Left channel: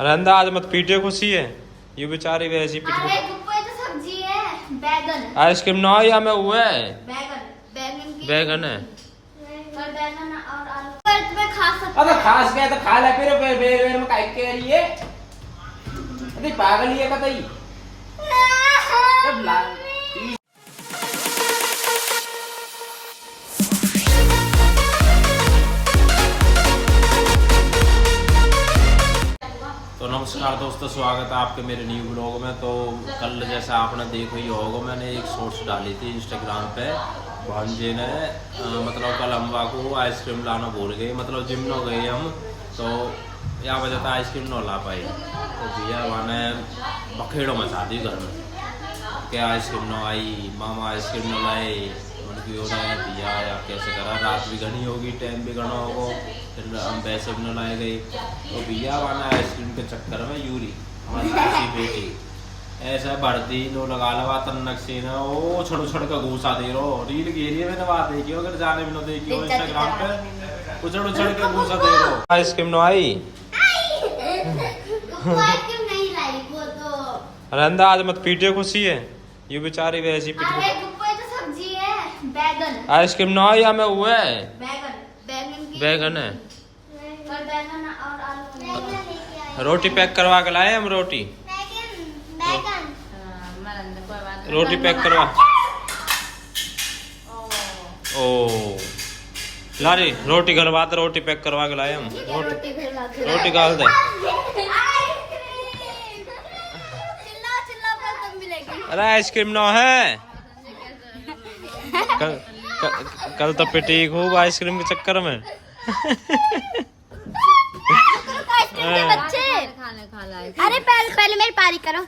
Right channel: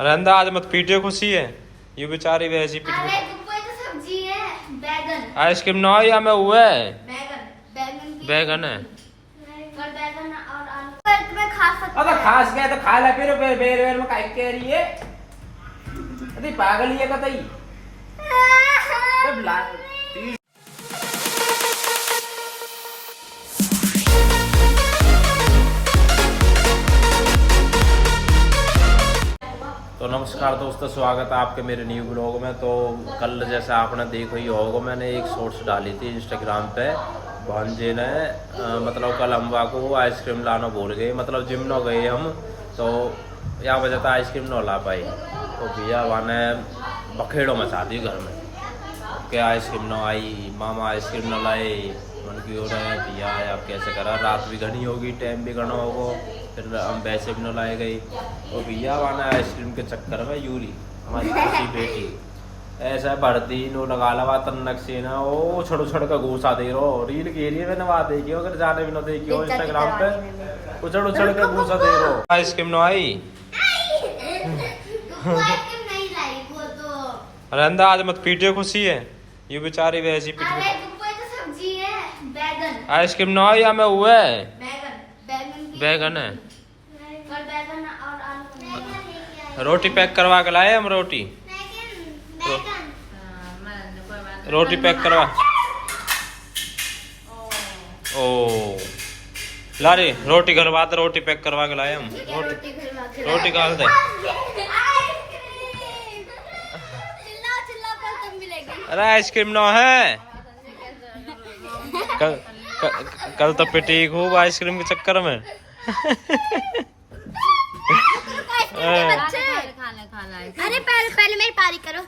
अरे अंदा आज मत पीटे, खुशी है ये बेचारी वैसी पीट अरे गुप्पे तो सब्जी है, बैगन। आइसक्रीम ना या मैं हुआ है बैगन की बैगन है। और बैगन और आलू पर तुम्हें खा सकते अब खास गया तो खा ले, फिर बेर बेर में काई के लिए अरे पागल ही है कतई सब ला। तो नमस्कार दोस्तों, स्वागत है आपके मेरे न्यू ब्लॉग में। तो कल जैसा आपने देखा ही होगा, मैंने एक शॉर्ट्स डाली थी इंस्टाग्राम पे। भांजे ने मतलब कल हम को आइसक्रीम लाना भूल गए, मतलब जिम न गए हम, तो या वजह था आइसक्रीम न ला पाई। तो भैया वहाँ ने बखेड़ों मचा दी घर में कि आइसक्रीम न आई, मामा आइसक्रीम न लाए। मन की हो रहा है भैया आप कैसे करा, रात भी घनी होगी, टाइम भी घना होगा, फिर हम वैसे भी न लाए गए। तो भैया वाना आइसक्रीम के चक्कर में यूरी हमारी खुशी बेटी ऐसा भरती नो लगा तन्नक से ना ओ छड़ छड़ का घूसा दे रो। रील के लिए मैंने बात देखी हो, अगर जाने भी न देखी हो इंस्टाग्राम पे, उछड़ उछड़ का घूसा दे रो। आइसक्रीम न आई आइसक्रीम नहीं लाई वो तो। अरे अंदा आज मत पीटे, खुशी है ये बेचारी वैसी अरे पीट। गुप्पे तो सब्जी है, बैगन। आइसक्रीम ना या मैं हुआ है बैगन की बैगन है। और बैगन और आलू। रोटी पैक करवा के लाए हम, रोटी रोटी पैक करवा। ओ ला रे रोटी घर बात, रोटी पैक करवा के लाए हम। रोटी गाल दे। चिल्लाओ पर तुम भी लेके। अरे आइसक्रीम ना है, कल तो पिटी खूब आइसक्रीम के चक्कर में। अरे पहले मेरी पारी करो।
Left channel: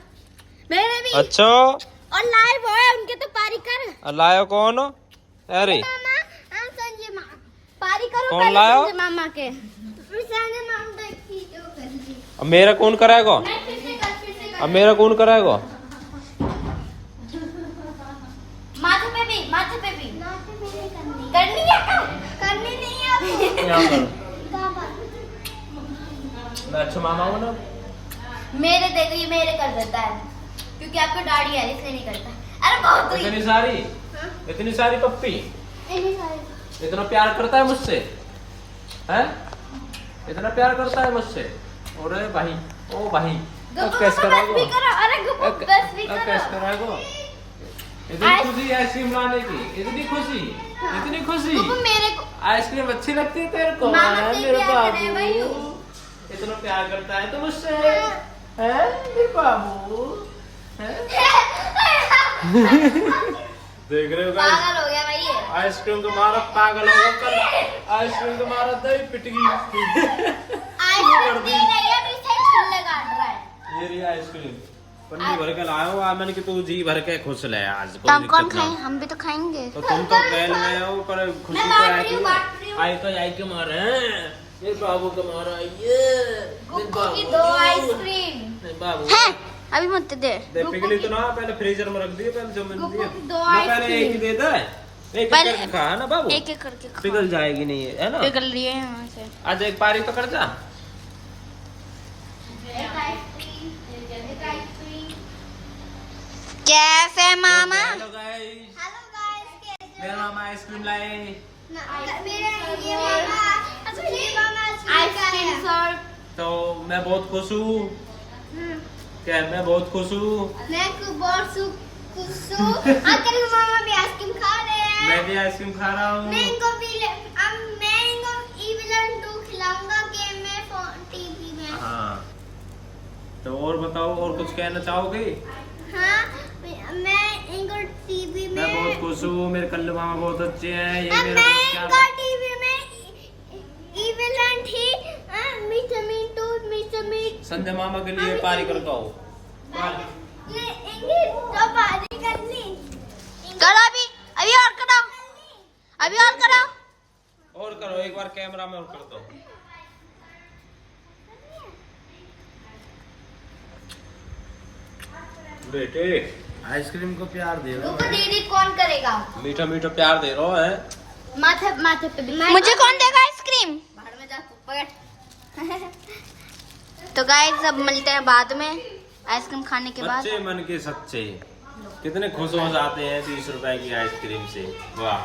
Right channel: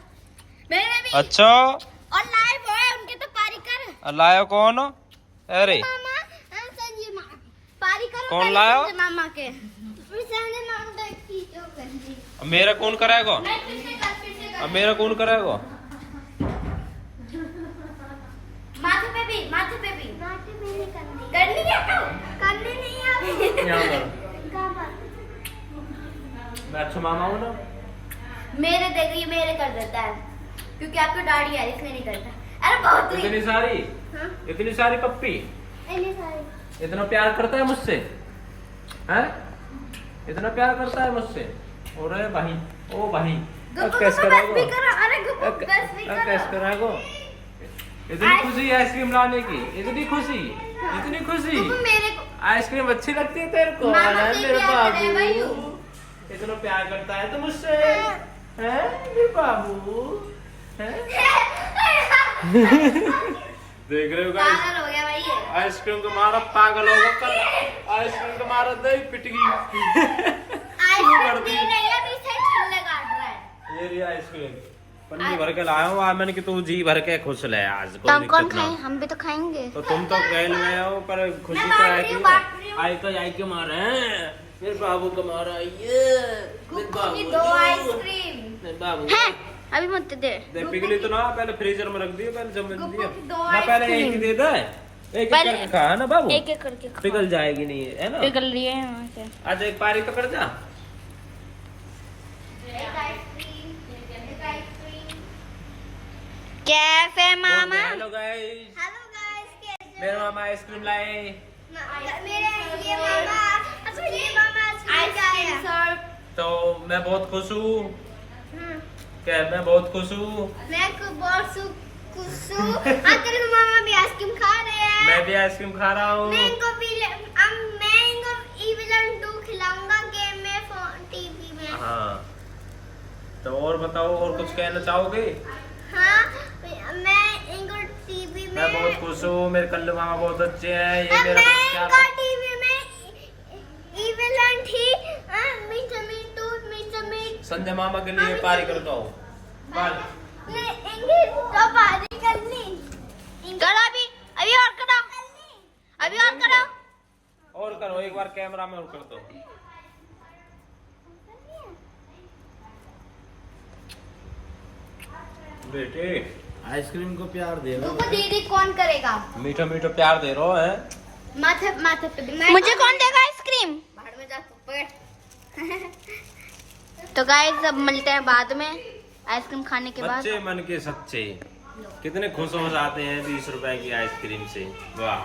मेरे भी अच्छा और लाइव है उनके, तो पारी कर। लायो कौन? अरे मामा संजय मामा पारी करो। कौन लायो? संजय मामा के संजय मामा की जो कर दी। अब मेरा कौन कराएगा? मैं फिर से कर। अब मेरा कौन कराएगा? माथे पे भी नहीं करनी नहीं है यहाँ पर मैं अच्छा मामा हूँ ना। मेरे देखो ये मेरे कर देता है क्योंकि आपको दाढ़ी है इसलिए नहीं करता। अरे बहुत हुई। इतनी सारी हाँ? इतनी सारी पप्पी, इतनी सारी। इतना प्यार करता है मुझसे, हैं? इतना प्यार करता है मुझसे। अरे भाई ओ भाई अब कैसे कराएगा? अरे गुप्पू बस भी अब करो। कैसे कराएगा? इतनी खुशी आइसक्रीम लाने की, इतनी खुशी, इतनी खुशी। गुप्पू मेरे को आइसक्रीम अच्छी लगती है तेरे को? मामा अरे से मेरे प्यार करे भाई। बाबू, इतना प्यार करता है तो मुझसे, हैं मेरे बाबू, हैं? देख रहे हो गाइस, पागल हो गया भाई ये। आइसक्रीम को मारा पागल होगा कल। आइसक्रीम को मारा दही पिट गई। आइसक्रीम पी रही है, अभी से छल्ले काट रहा है। ये रही आइसक्रीम, पन्नी भर के लाया हूँ आज मैंने कि तू जी भर के खुश ले आज। तो हम कौन खाएं? हम भी तो खाएंगे। तो तुम तो गैल में हो, पर खुशी मैं तो बांट है रही हूँ, कि बांट रही हूँ। आई तो आई के मारे हैं मेरे बाबू को मारा ये गुप्पू की 2 आइसक्रीम। नहीं बाबू अभी मत दे। दे पिघली तो ना, पहले फ्रीजर में रख दिए, पहले जमीन गुप्पू दिए की 2 ना, पहले आइसक्रीम। एक ही दे दे, एक पहले- एक खा है ना बाबू, एक एक करके खा। पिघल जाएगी नहीं है ना। पिघल रही है यहाँ से। आज एक पारी तो कर जा। कैफे मामा। हेलो गाइस, मेरे मामा आइसक्रीम लाए। Ice cream sir. तो मैं बहुत खुश हूँ, क्या मैं बहुत खुश हूँ। अंकल मामा भी आइसक्रीम खा रहे हैं। मैं भी आइसक्रीम खा रहा हूँ। मैं इनको Evilan 2 खिलाऊंगा गेम में टीवी में। हाँ तो और बताओ, और कुछ कहना चाहोगे? हाँ मैं इनको टीवी में। मैं बहुत खुश हूँ, मेरे कल्लू मामा बहुत अच्छे हैं। ये मैं मेरा बहुत इनको प्यार- टीवी में Evilan ही मिस्टर मिंटू मिस्टर मिट। संजय मामा के लिए पारी करता हूँ। तो पारी करनी करो अभी और करो, अभी और करो। और करो एक बार, कैमरा में और कर दो। बेटे आइसक्रीम को प्यार दे रहे हो, दीदी कौन करेगा? मीठा मीठा प्यार दे रहे हो है। माथे पे मुझे कौन देगा आइसक्रीम? भाड़ में जा तू बैठ। तो गाइस अब मिलते हैं बाद में आइसक्रीम खाने के बाद। बच्चे मन के सच्चे कितने खुश हो जाते हैं 20 रुपए की आइसक्रीम से। वाह,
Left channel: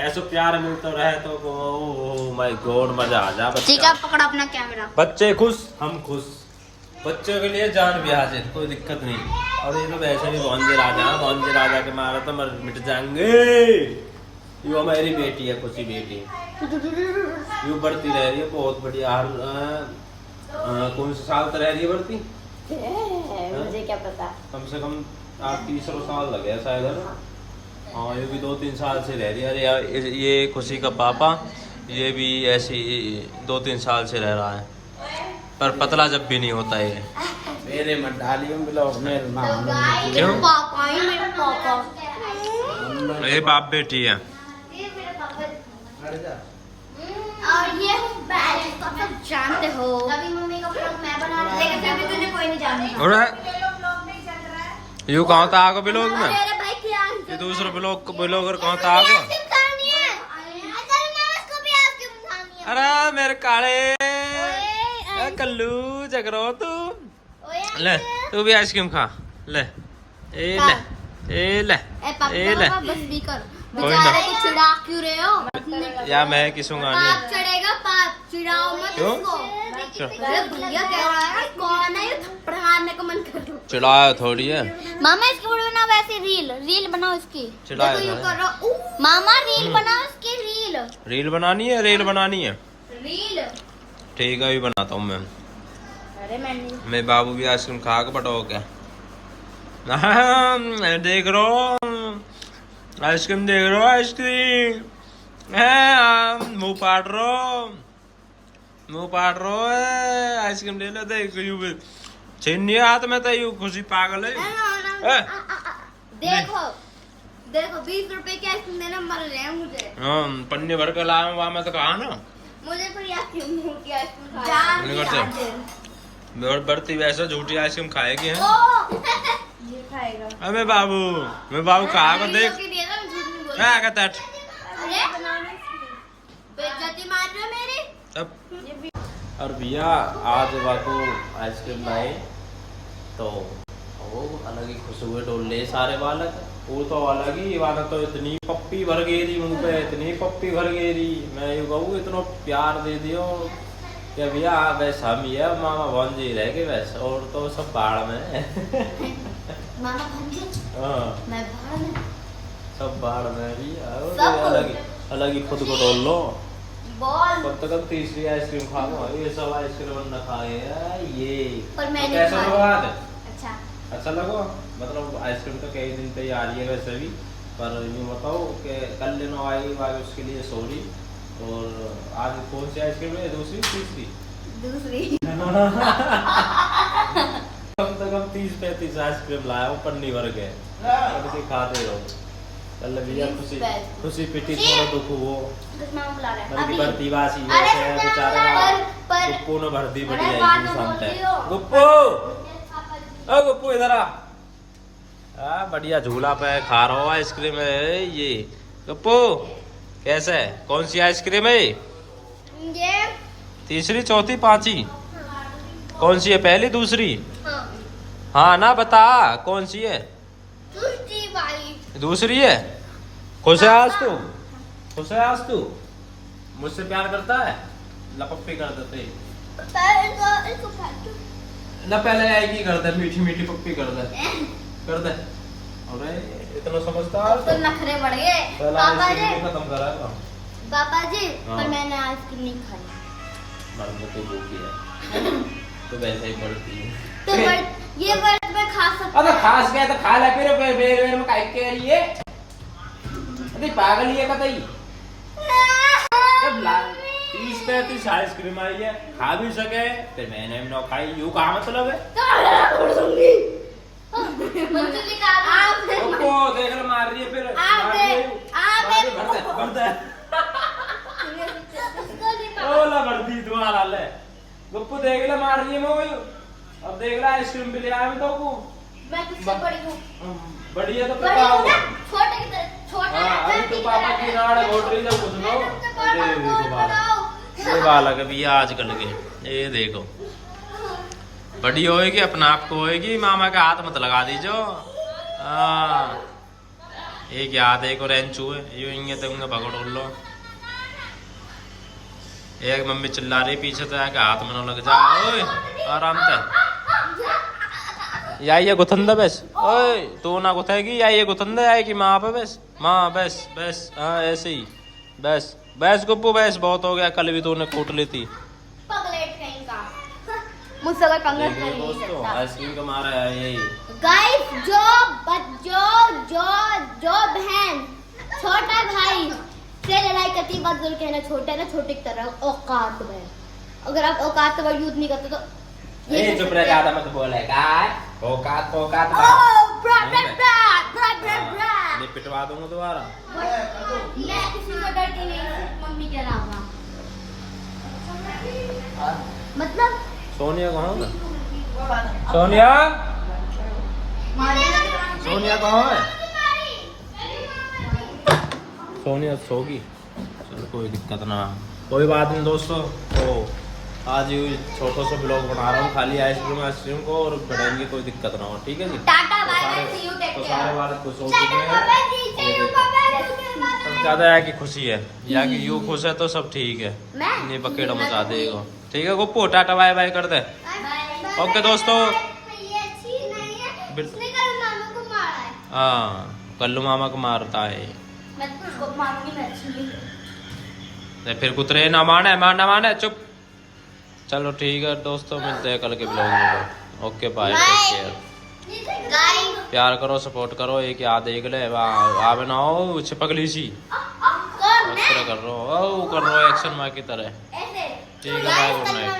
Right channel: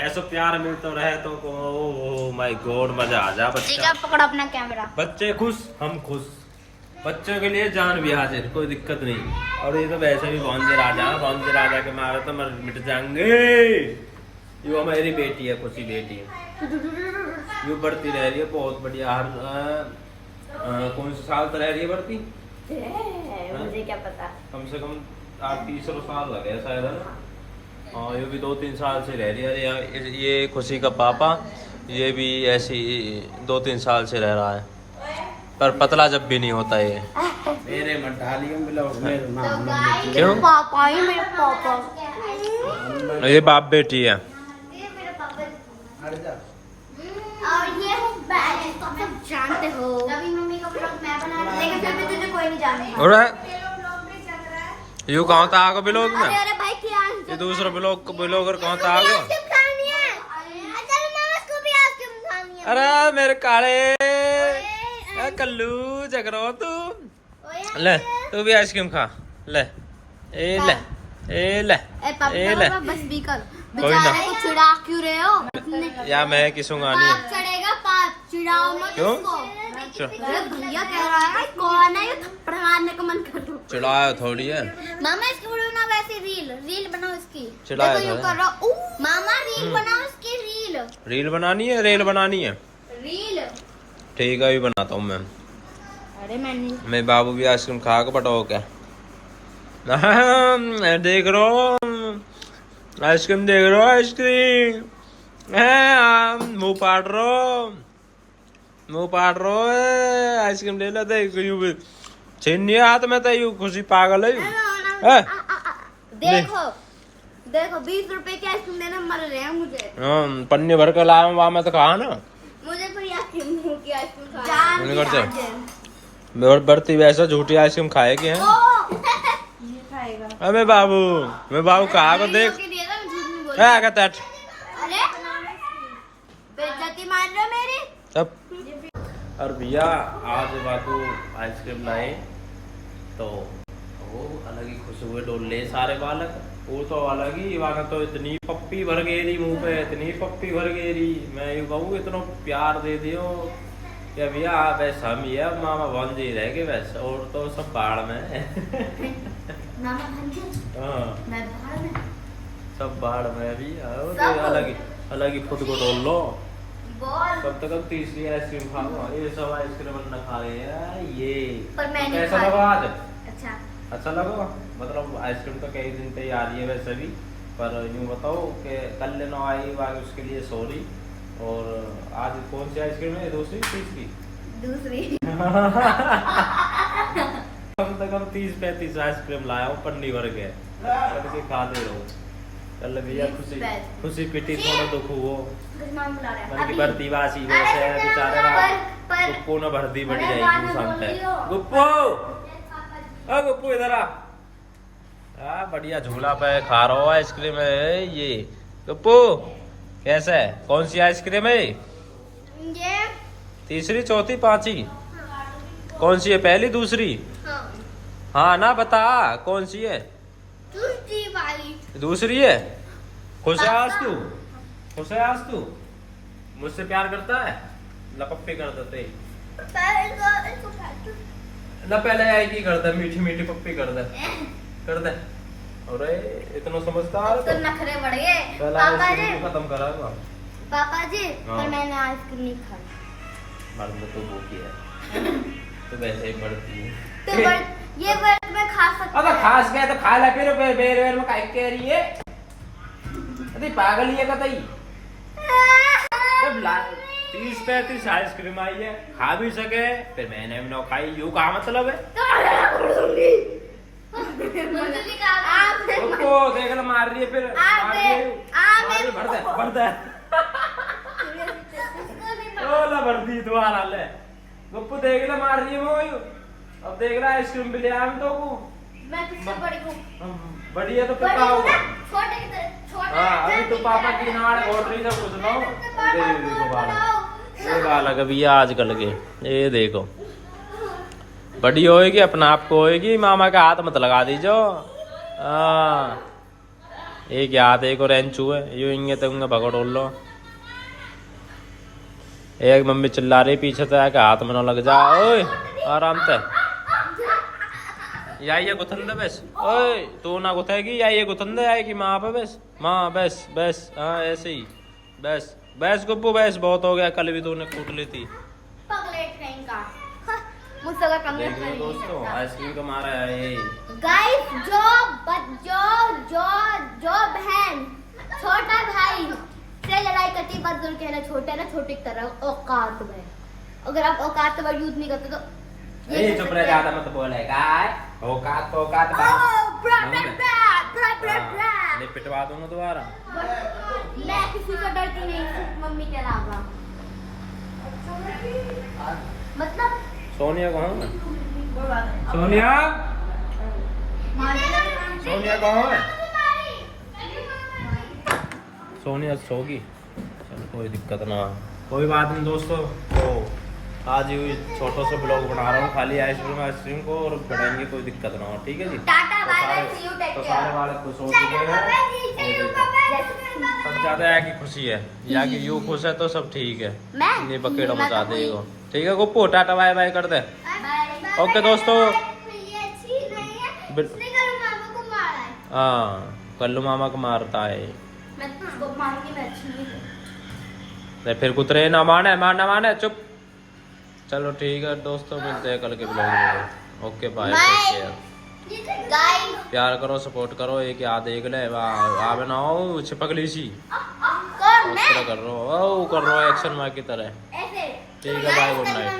ऐसा प्यार मिलता रहे तो ओह माय गॉड, मजा आ जा। ठीक है, पकड़ अपना कैमरा। बच्चे खुश, हम खुश। बच्चों के लिए जान भी हाजिर, कोई दिक्कत नहीं। और ये तो वैसे भी भौंजे राजा के मारे तो मर मिट जाएंगे। ये हमारी बेटी है, खुशी बेटी है, यूँ बढ़ती रह रही है, बहुत बढ़िया। हर कौन से साल तक रह रही है बढ़ती? मुझे क्या पता, कम से कम 30 साल लगे हैं शायद, है ना? हाँ, ये भी 2-3 साल से रह रही है। ये खुशी का पापा, ये भी ऐसी 2-3 साल से रह रहा है, पर पतला जब भी नहीं होता ये। मेरे मत डालिए ब्लॉग में। क्यों? पापा ही मेरे पापा। ये बाप बेटी है। और ये तो आप जानते हो, अभी मम्मी का ब्लॉग मैं बना रही हूं, लेकिन फिर भी तुझे कोई नहीं जानता। यू कहाँ था आगो ब्लॉग में? अरे भाई क्या, ये दूसरा ब्लॉगर कहाँ था आगो? अरे मेरे काले कल्लू जगरो तू, ले तू भी आइसक्रीम खा, ले ए ले ए ले ए ले। बस भी कर, कोई ना। बेचारे को चिढ़ा क्यों रहे हो? या मैं किसूंगा नहीं। पाप चढ़ेगा, पाप चिढ़ाओ मत क्यों? उसको। चल। अरे भैया कह रहा है कौन है ये, थप्पड़ मारने का मन कर रहा। चिढ़ाया थोड़ी है मामा इसकी वीडियो बनाओ, वैसे रील बनाओ इसकी। चिढ़ाया देखो, यूं था। कर रहा। मामा रील बनाओ इसकी, रील बनानी है, रेल बनानी है। रील। ठीक है, अभी बनाता हूँ मैं। अरे मैंने मैं बाबू भी आइसक्रीम खा के बटाओ क्या? देख रो आइसक्रीम, देख रो आइसक्रीम, मुंह पाट रो आइसक्रीम ले लो। देख यूं भी छीन नहीं हाथ में, तो यूं खुशी पागल है। देखो 20 रुपए की आइसक्रीम देना मर रहे हैं मुझे। पन्नी भर के लाया वहाँ में तो कहा ना मुझे कोई यकीन नहीं कि आइसक्रीम नहीं करते। बढ़ती वैसा झूठी आइसक्रीम खाएगी हैं। ये खाएगा। अबे मैं बाबू कहा को देख। क्या तट अरे बेइज्जती मार रहे हो मेरी सब। और भैया आज बाबू आइसक्रीम लाए तो वो अलग ही खुश हुए, डोले सारे बालक। वो तो अलग ही बालक, तो इतनी पप्पी भर गेरी मुंह पे, इतनी पप्पी भर गेरी। मैं यूँ कहूँ इतना प्यार दे दियो कि भैया बस हम ही है, मामा भौंजी रह गए बस, और तो सब बाढ़ में। मामा भौंजी, हाँ, मैं बाहर में, सब बाढ़ में भी। सब। अलग ही खुद को डोल लो। बॉल कब तक हम तीसरी आइसक्रीम खा लो, ये सब आइसक्रीम न खा रहे हैं ये। पर मैंने कैसा खाया। लगा आज? अच्छा लगा? मतलब आइसक्रीम तो कई दिन तक आ रही है वैसे भी, पर यूँ बताओ कि कल लेना आई बाकी उसके लिए सॉरी। और आज कौन सी आइसक्रीम है? दूसरी तीसरी? कम से कम 30-35 आइसक्रीम लाया हूँ, पन्नी भर के खाते रहो। चल भैया खुशी पिटी, थोड़ा दुख हो मन की भरती वासी वैसे है बेचारे का। गुप्पू ने भर दी बड़ी आई शांत है। गुप्पू इधर आ, बढ़िया झूला पे खा रहा हो आइसक्रीम है ये। गुप्पू कैसा है? कौन सी आइसक्रीम है? ये तीसरी, चौथी, पांचवी? कौन सी है? पहली, दूसरी? हाँ ना, बता कौन सी है? दूसरी है। खुश है आज तू? खुश है आज तू? मुझसे प्यार करता है? लपप्पी कर देते ना, पहले आई की कर दे, मीठी मीठी पप्पी कर दे, कर दे। अरे इतना समझदार तो नखरे बढ़ गए। पहला पापा आइसक्रीम जी, खत्म कराएगा। पापा जी, हाँ। पर मैंने आइसक्रीम नहीं खाई। मर्द तो भूखी है तो वैसे ही बढ़ती है। तो ये वर्ड में खा सकता अबे खास गया तो खा ले, फिर बेर में काहे कह रही है? अरे पागल ही है कतई। जब 30-35 आइसक्रीम आई है, खा भी सके फिर मैंने भी ना खाई, यूँ कहा मतलब है? रुको, देख लो मार रही है फिर। भर दे ओला भर दी दोबारा ले। गुप्पू देख ले मार रही है मोई। अब देख ले आइसक्रीम भी ले आया मैं तो को। मैं तुझसे बड़ी हूँ। बड़ी है तो फिर बड़ी क्या हूँ होगा? ना, छोटे की तरह छोटा। हाँ, अभी तो पापा की नाड़ घोट रही था कुछ लो। ये देखो बालक अभी आजकल के, ये देखो बड़ी होएगी अपना आप को होएगी, मामा का हाथ मत लगा दीजो। एक हाथ एक और रेंचू है यूं इंगे तो उंगे भगड़ लो। एक मम्मी चिल्ला रही पीछे तो आके हाथ में न लग जा। ओए आराम से या ये गुथंदा बस। ओए तू ना गुथेगी या ये गुथंदा आएगी माँ पे बस। माँ बस बस हाँ ऐसे ही बस बस गुप्पू बस बहुत हो गया, कल भी तूने कूट ली थी। पगलेट कहीं का मुझसे अगर पंगा देख लो दोस्तों आइसक्रीम का मारा है ये। गाइस जो बहन छोटा भाई से लड़ाई करती बात जरूर कहना, छोटा है ना छोटे की तरह औकात में, अगर आप औकात का वर्ड यूज नहीं करते तो ये चुप रह, ज्यादा मत बोले काय औकात औकात नहीं पिटवा दूंगा दोबारा। मैं किसी को डरती नहीं, सिर्फ मम्मी के अलावा। मतलब सोनिया कहाँ है? सोनिया सोनिया कहाँ है? सोनिया सोगी, चलो कोई दिक्कत ना, कोई बात नहीं दोस्तों। तो आज ये छोटा सा ब्लॉग बना रहा हूँ खाली आइसक्रीम को, और बढ़ाएंगे कोई दिक्कत ना हो, ठीक है जी। टाटा तो बाय सारे बाय, सी यू, टेक तो केयर। सारे वाले खुश हो चुके हैं। सब ज्यादा है कि खुशी है या कि यू खुश है तो सब ठीक है, नहीं बकेड़ा मचा देगा। ठीक है गुप्पू टाटा बाय बाय कर दे। ओके दोस्तों, हाँ कल्लू मामा को मारता है तो फिर कुतरे ना माने चुप। चलो ठीक है दोस्तों, मिलते हैं कल के ब्लॉग में। Okay bye, take care. प्यार करो सपोर्ट करो, एक याद देख ले आवे ना हो चिपकली सी कर रो एक्शन माँ की तरह। ठीक है बाय, गुड नाइट।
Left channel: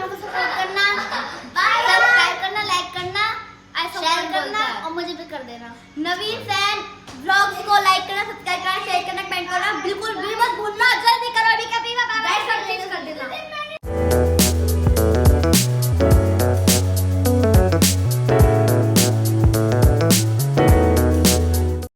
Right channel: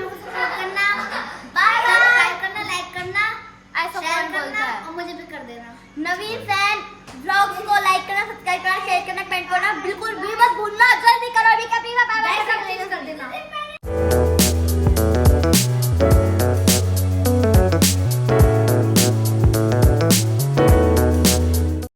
लाइक करना, शेयर करना और मुझे भी कर देना। नवीन फैन ब्लॉग्स को लाइक करना, सब्सक्राइब करना, शेयर करना, कमेंट करना बिल्कुल भी मत भूलना।